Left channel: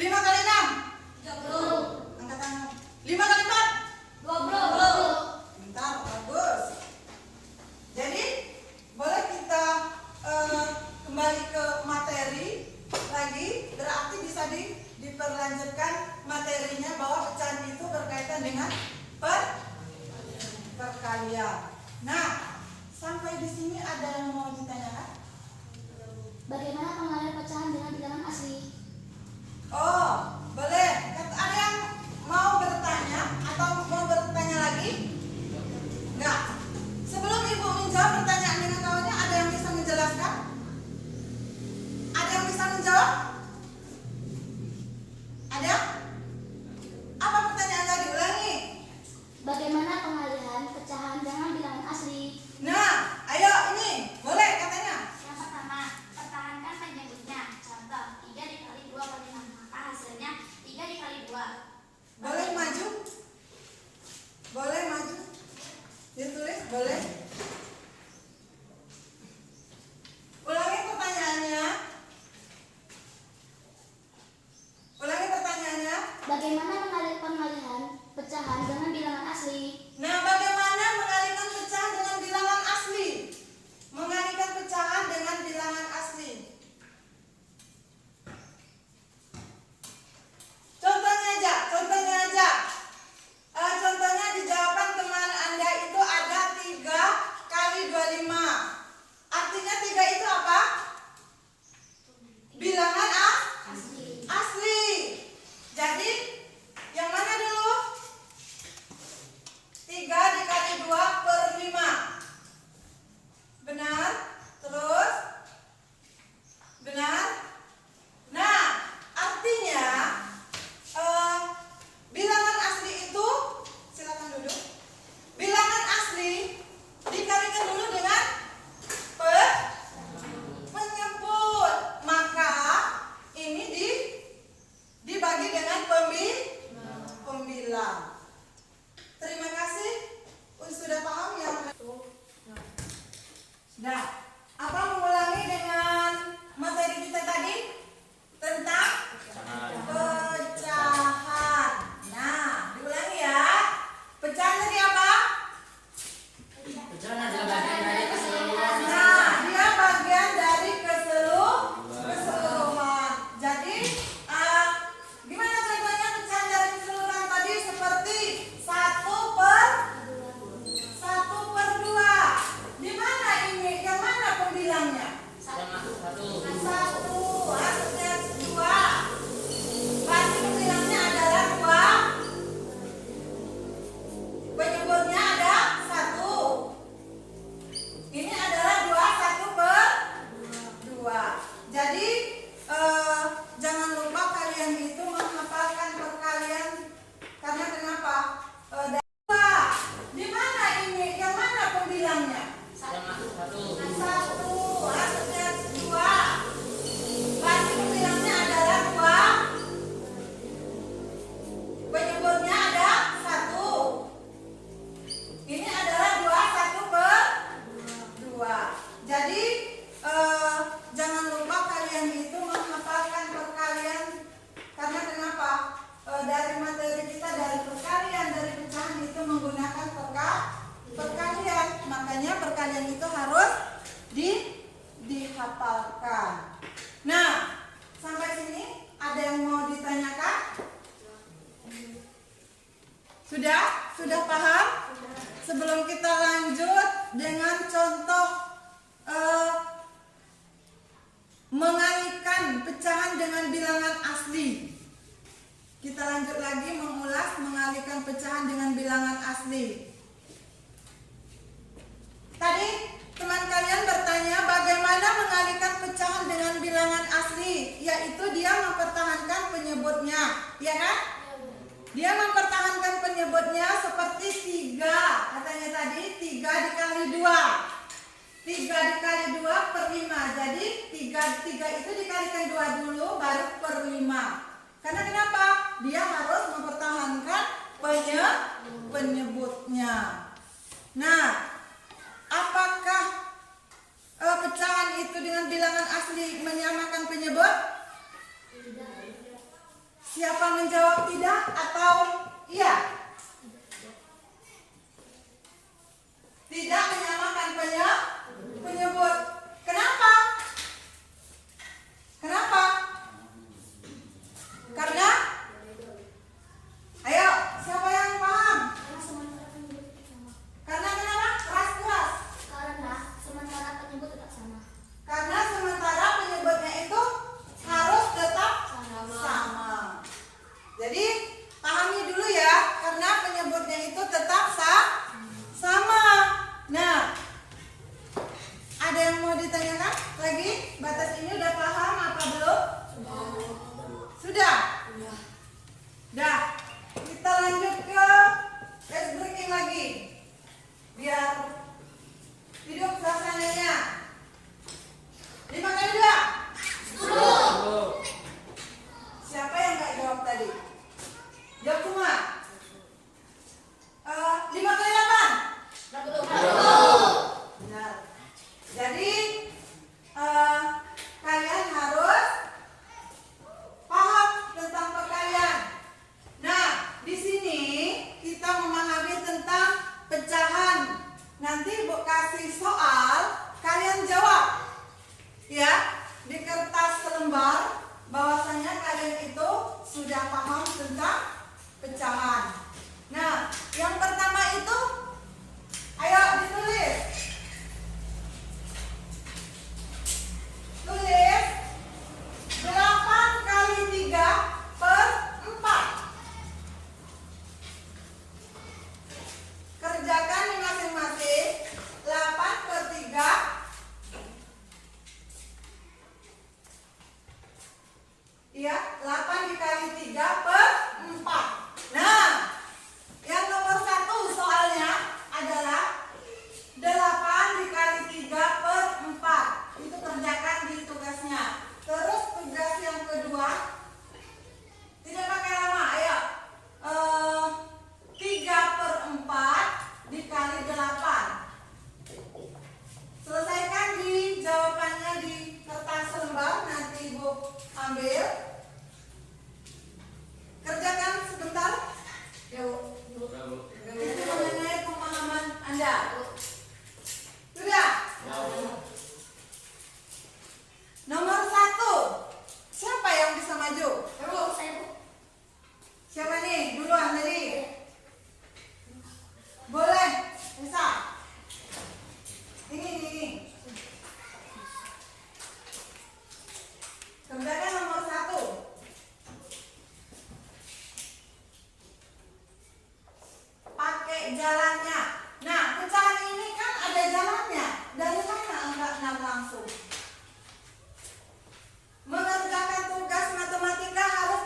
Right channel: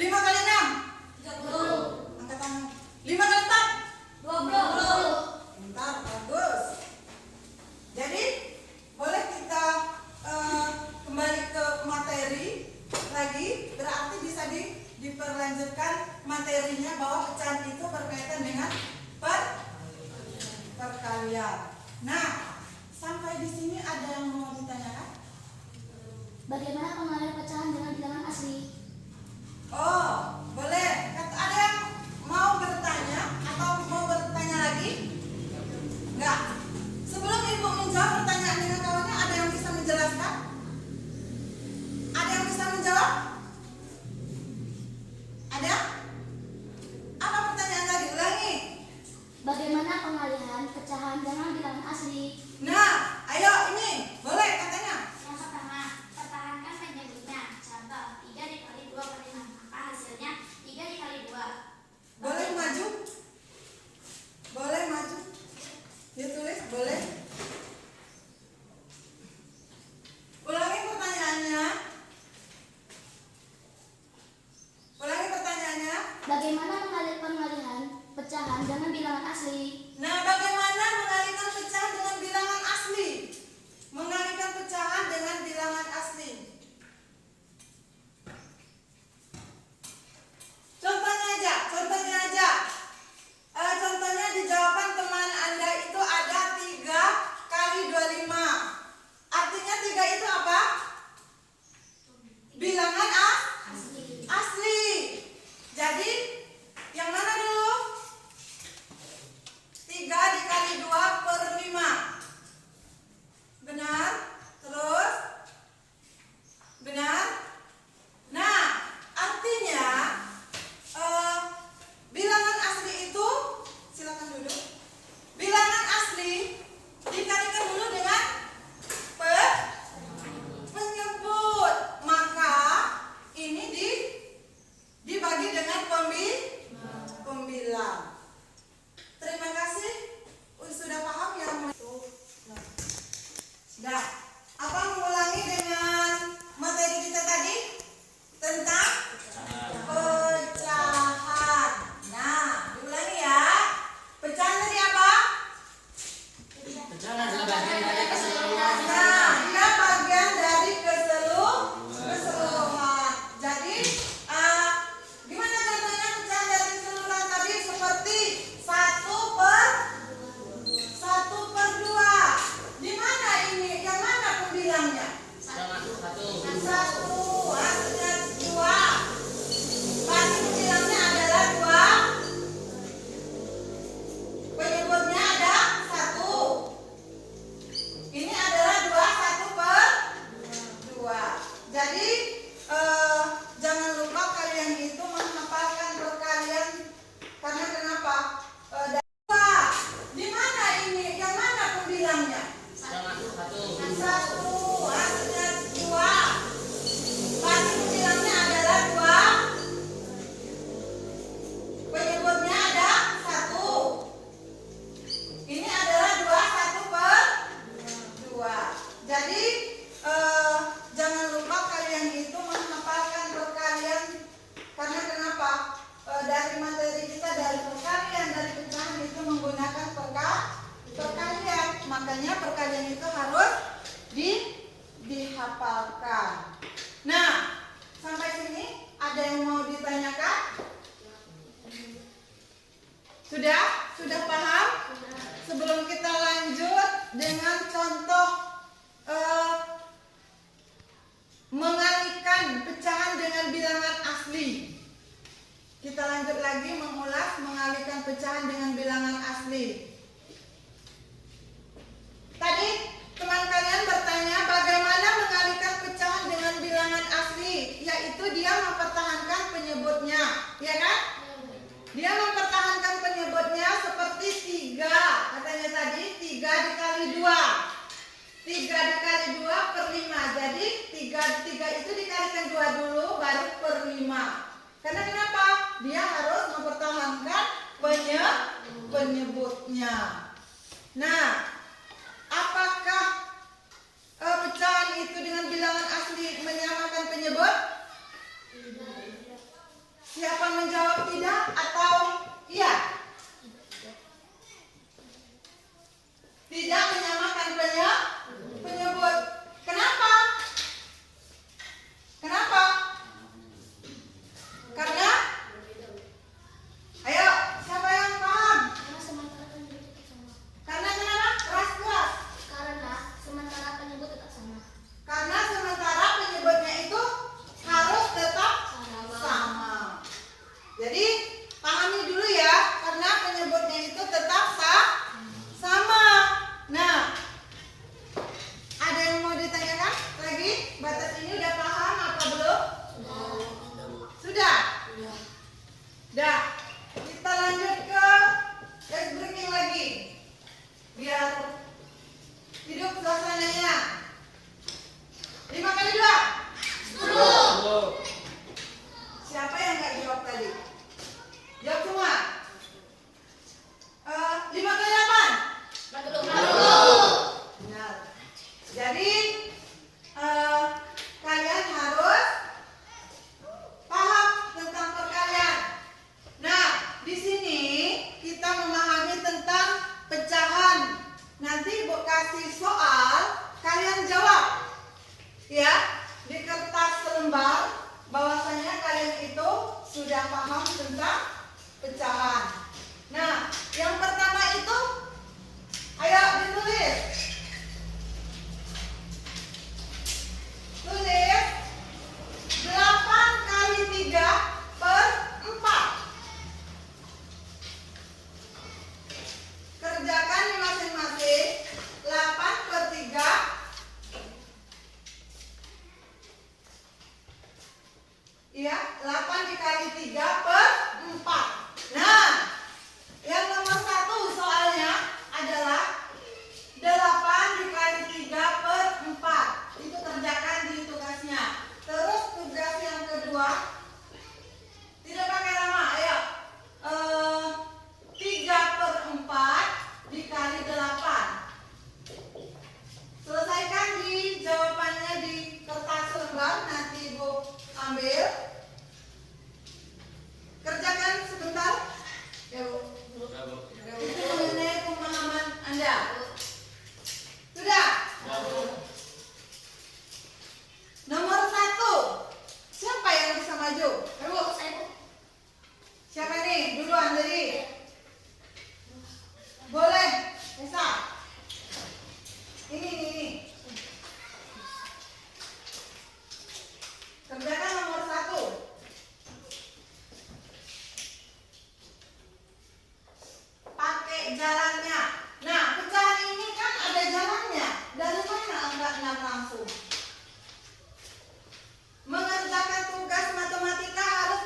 5 kali 6? 30. Angkat tangan. 5 kali 4? 20. Bentar, bagus. Jadi boleh kita kembali ke materi lagi. Berarti bisa diperlanjutkan materinya bahwa pecahan itu berkaitan dengan perkalian. Nah, sampai di sini ada yang mau ditanyakan? Bagaimana pengalihan pecahan dengan bilangan asli? Oh, boleh. Ada yang mau bertanya atau mau bertanya lagi? Enggak. Sebelum Ibu menjawab pertanyaan dengan kawannya, ada yang bisa menjelaskan? Ada yang bisa menjawab? Ada? Apa pertanyaan lagi? Ulangi. Bagaimana pengalihan pecahan dengan bilangan asli? Nah, ayo ini. Boleh katanya. Yang pertama, pertahankan penyebutnya. Contoh, 3 dikali 2 kali 6. Maka hasilnya 3 dikali 2. Boleh maju? Boleh maju? Ditulis, boleh? Ulangi pertanyaannya. Ulangi pertanyaannya. Bagaimana pengalihan pecahan dengan bilangan asli? Nah, bagaimana mengalihkan pecahan dengan bilangan asli? Mengalihkan pecahan dengan bilangan asli. Contohnya aja. Contohnya di jawaban teman Anda itu ada 3 kali 25. Artinya 3 itu apa? Bilangan asli. Jadi, yang mana dulu? 3 dikali 2 per 5. Benar? Terus? Benar? Nah, artinya bilangan asli itu, silakan duduk. Bilangan asli dikalikan dulu dengan penyebut. Maka ini dibagi dengan pembilang. Terima kasih. Sudah paham ya? Sudah. Apa mengulangi dengan materi kita tadi tentang pecahan. Nah, diulangi ya. Pecahan tadi apa? Pecahan adalah bagian dari keseluruhan. Nah, dia bagian dari keseluruhan. Jadi, gimana contohnya pecahan dari keseluruhan tadi? Seperti 1/2. Di mana ini? Yang mana pembilangnya? Yang masuk 1. 1, hasilnya 2. Berarti pembilangnya adalah 2. Penyebutnya ada 1. Ini adalah 2, 1/2. Jadi jangan lupa kalian itu menghafalkan perkalian. Karena kenapa? Dari 2. Di mana ini? Yang mana pembilangnya? Yang masuk 1. 1, hasilnya 2. Berarti pembilangnya adalah 2. Penyebutnya ada 1. Ini adalah 2, 1/2. Jadi jangan lupa kalian itu menghafalkan perkalian. Karena kenapa? Dari materi kita, dari perkalian, dari pecahan itu menggunakan perkalian. Makanya perkalian itu harus dihafalkan. Nah, sampai sini ada yang mau ditanyakan? Sudah? Sudah paham? Sebelum kita lanjut dengan contoh mengalihkan pecahan dengan bilangan asli. Kita lanjut lagi mengulas mengalihkan pecahan dengan bilangan asli. Tadi teman kalian bertanya bagaimana mengalihkan pecahan dengan bilangan asli, yaitu dia mempertahankan penyebutnya, ya kan? Dia mempertahankan penyebutnya seperti 3. Katanya tadi 3 dikali 2. 3 dikali 2 per 5. Jadi 3 itu dikalikan 2 dulu baru per 5. Karena kenapa? Dia harus mempertahankan penyebutnya. Nah, apakah pecahan itu dengan bilangan asli menyamakan penyebut? Tidak. atau iya? Tidak menyamakan penyebut. Kenapa? Kenapa? Karena ayo, siapa yang paham? Karena sementara penyebut tetap sama. Karena kenapa? Keras-keras. Karena sementara penyebut tetap sama. Karena sementara penyebutnya itu harus tetap sama. Jadi pahami dulu ya, karena penyebutnya itu tetap sama. Nah, ada yang mau ditanyakan lagi? Batas ini udah paham apa belum? Sudah? Dah. Kita lanjut ke ice breaking lagi. Biar hidup suasananya. 5 kali 2. 10. Siapa yang nggak jawab tadi? Jawab semua. 5 kali 8. 40. Benar. Jadi kalian harus paham tentang perkalian. Nah, di sini kita memahami tentang pecahan. Nanti Ibu kasih soal, kalian jawab. Ya, di kertas selembar bahwasanya kalian itu sudah paham tentang pecahan. Nah, yang pertama itu ayo ditulis. Tulis 8 kali 3 per 4. Kerjakan di masing-masing. 8 per 3. Iya, 8 dikali 3 per 4. Nah, yang nomor 1 soalnya adalah 8 dikali 3 per 4. Itu kerjakan di tugasnya. Terus tugas yang kedua, tidak pakai lama, ayo. 3 per 4 dikali 8. Selesaikan di jawabannya di kertas lembar, nanti Ibu ambil. Kerjakan sebentar. Ya, Bu. Itu mengenai pemahaman Anda. Sudah? Nomor 1. Siapa yang bisa maju? Ayo, Bu. Siapa nih? Duluan tadi. Boleh. Bisa. Ini. Kerjakan nomor 1. Pakai jalannya. Nah, pecahan ini kan ada jalannya. Dari mana enggak langsung? Mengerjakan tugas matematika harus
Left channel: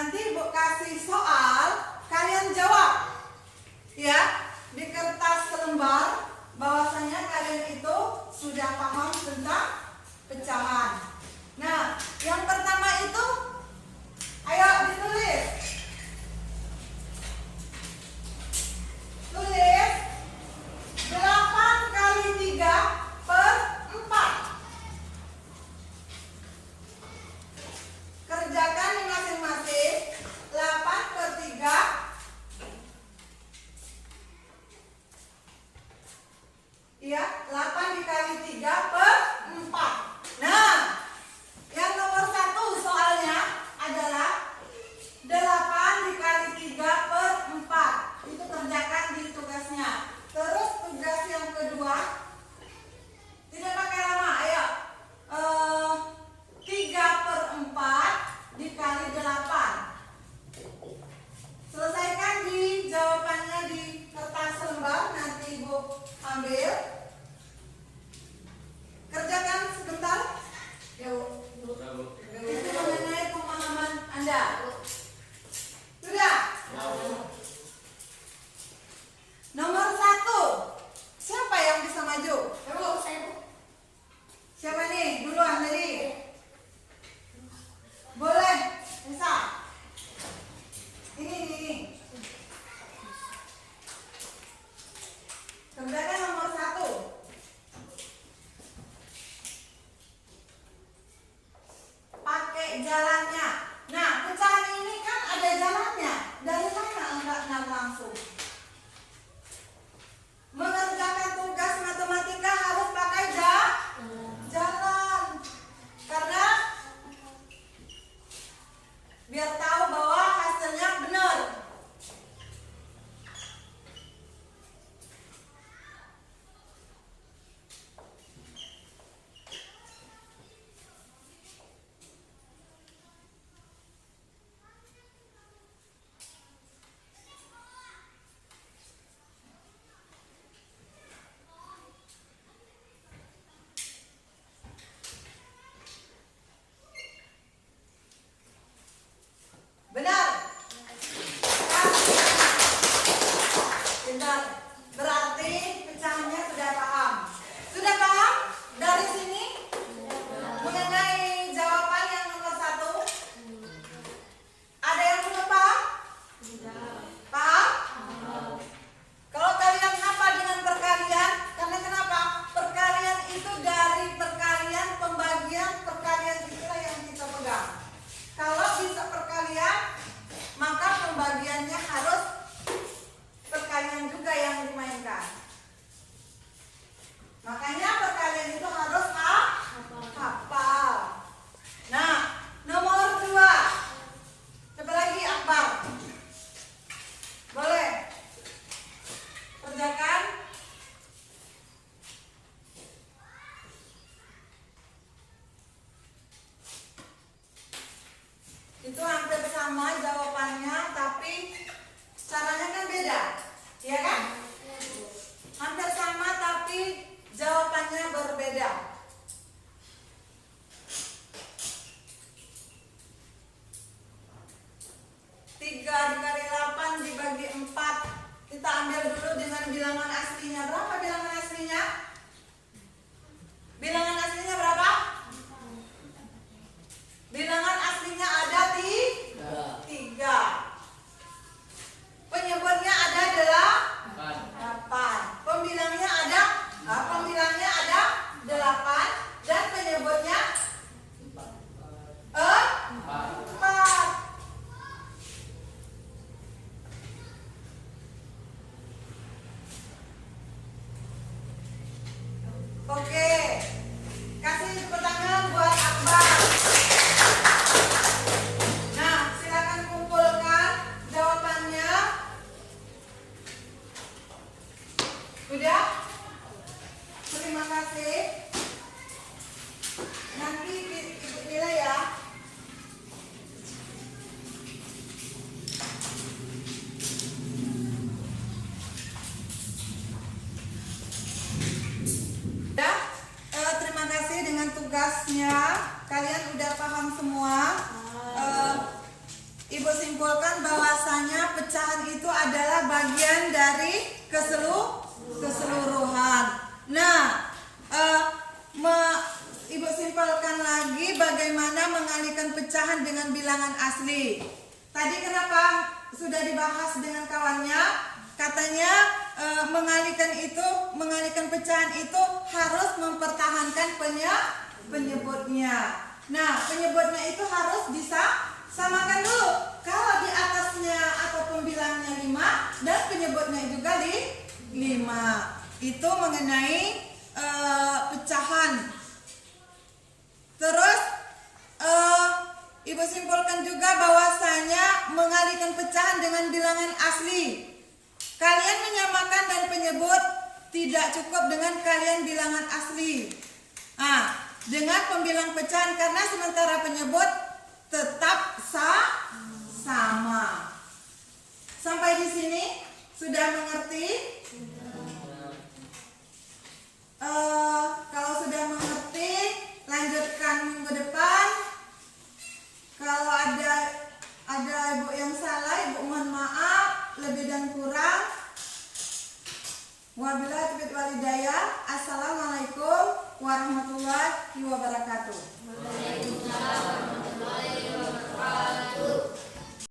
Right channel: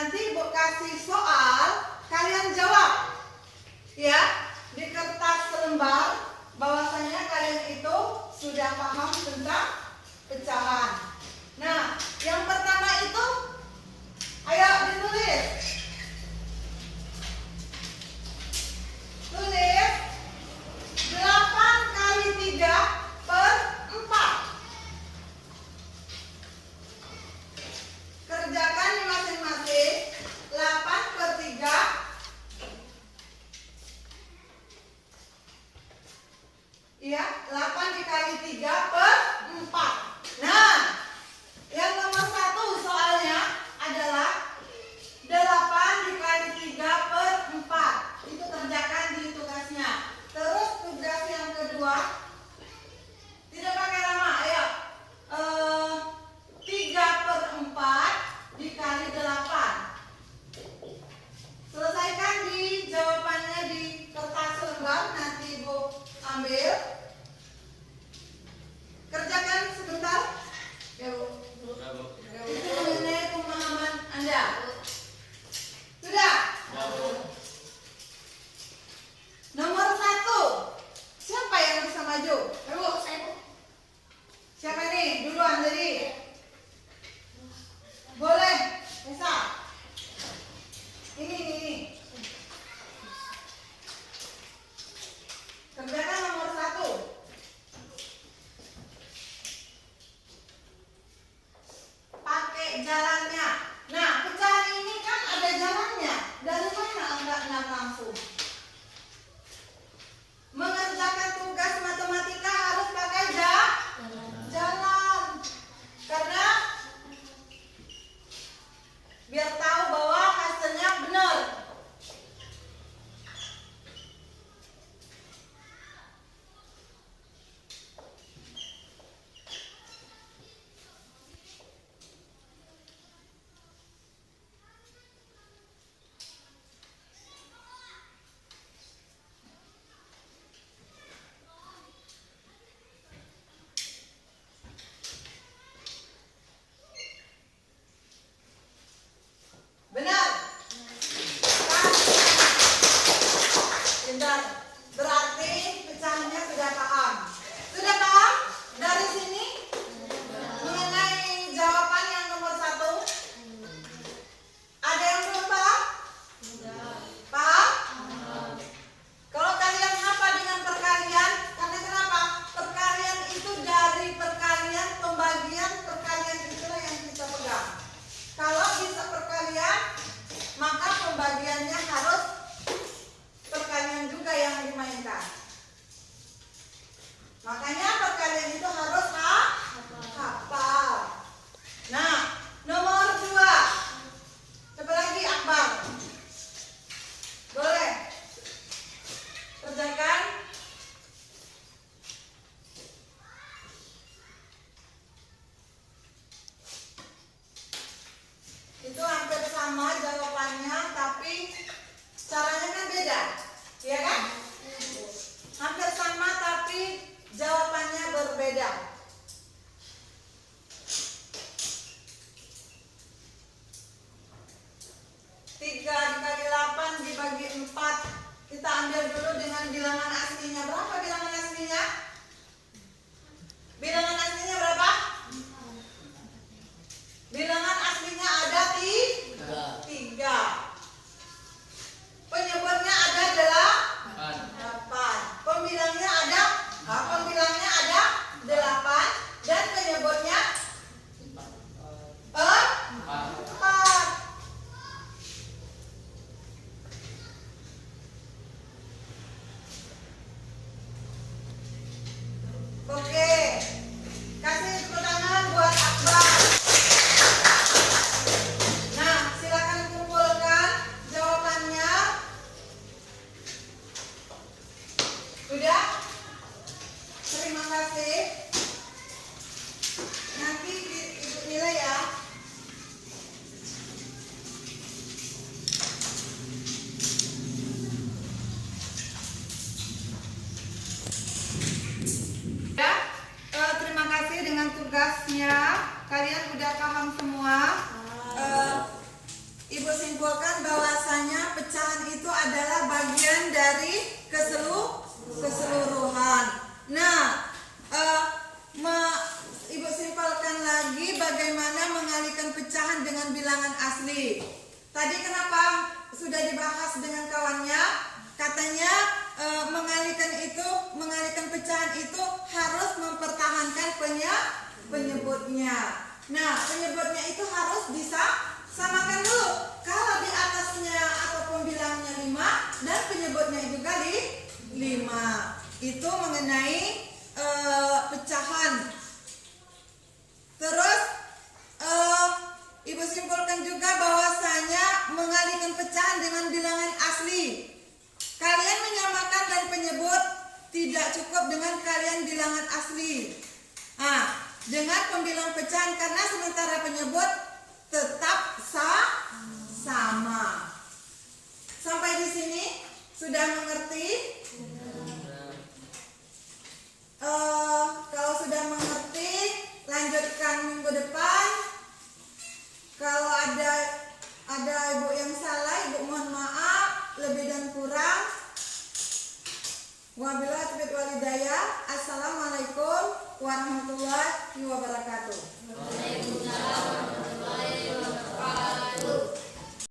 Nanti Ibu kasih soal, kalian jawab. Ya, di kertas lembar bahwasanya kalian itu sudah paham tentang pecahan. Nah, yang pertama itu ayo ditulis. Tulis 8 kali 3 per 4. Kerjakan di masing-masing. 8 per 3. Iya, 8 dikali 3 per 4. Nah, yang nomor 1 soalnya adalah 8 dikali 3 per 4. Itu kerjakan di tugasnya. Terus tugas yang kedua, tidak pakai lama, ayo. 3 per 4 dikali 8. Selesaikan di jawabannya di kertas lembar, nanti Ibu ambil. Kerjakan sebentar. Ya, Bu. Itu mengenai pemahaman Anda. Sudah? Nomor 1. Siapa yang bisa maju? Ayo, Saya Bu. siapa nih? Duluan tadi. Boleh, Esa. Ini. Kerjakan nomor 1. Pakai jalannya. Nah, pecahan ini kan ada jalannya. Dari mana enggak langsung? Mengerjakan tugas matematika harus pakai jalan. Karena biar tahu bahwa hasilnya benar. Benar. Benar. Berarti pecahannya sudah paham. Sudah paham? Dari sini mengenai jawaban yang nomor 1. Ada yang belum paham? Paham? Kalau kalian hafal dengan perkalian, karena kenapa? Perkalian itu dari perkalian, pembagian perkalian itulah yang kita pegang. Kalau bisa perkalian, maka pembagiannya harus perkalian juga yang dimainkan. Makanya perkalian itu harus hafal. Nah, nomor 2. Coba lagi Akbar. Boleh. Kerjakan. Itu hampir sama jawabannya, tapi caranya kan beda, ya kan? Hampir sama tapi jawabannya berbeda. Tiga dikali 8 dibagi 4. Kita ambil dulu dengan bilangan aslinya. Berapa bilangan aslinya? Bilangan aslinya berapa? Bilangan aslinya ada 3. Penyebutnya ada 8. Pembilangnya ada 8 dan penyebutnya 4. Oke. Kasih tepuk tangan buat Akbar. Nah, silakan kumpulkan jawabannya. Sudah? Terima kasih. Nanti Ibu nilai ya. Ya, terima kasih dengan tugasnya. Kalian udah paham semua. Ibu simpulkan bahwasanya pecahan itu adalah bagian dari keseluruhan. Nah, Ibu simpulkan lagi bagaimana mengalihkan pecahan dengan bilangan asli. Tadi kenapa sudah dibahas dengan kawannya? Katanya mengalihkan pecahan itu harus mempertahankan penyebutnya. Nah, penyebutnya itu harus bisa samakan dulu. Kalau di atasnya atau pembilangnya 5 dan penyebutnya juga 5. Itu mengenai pecahan. Terus Ibu simpulkan juga bahwasanya mengalihkan pecahan dengan bilangan asli. Kalian menyamakan dan penyebut tidak cukup dengan kalian bilangan asli. Dengan pembilang pecahan karena sementara penyebut tetap sama. Sampai di sini sudah mengerti? Kalau sudah mengerti, lanjutkan minggu depan. Kalau ada ibu yang salah, ibu mohon maaf, lebih dan kurang. Wabillahi taufiq wal hidayah. Assalamualaikum warahmatullahi wabarakatuh.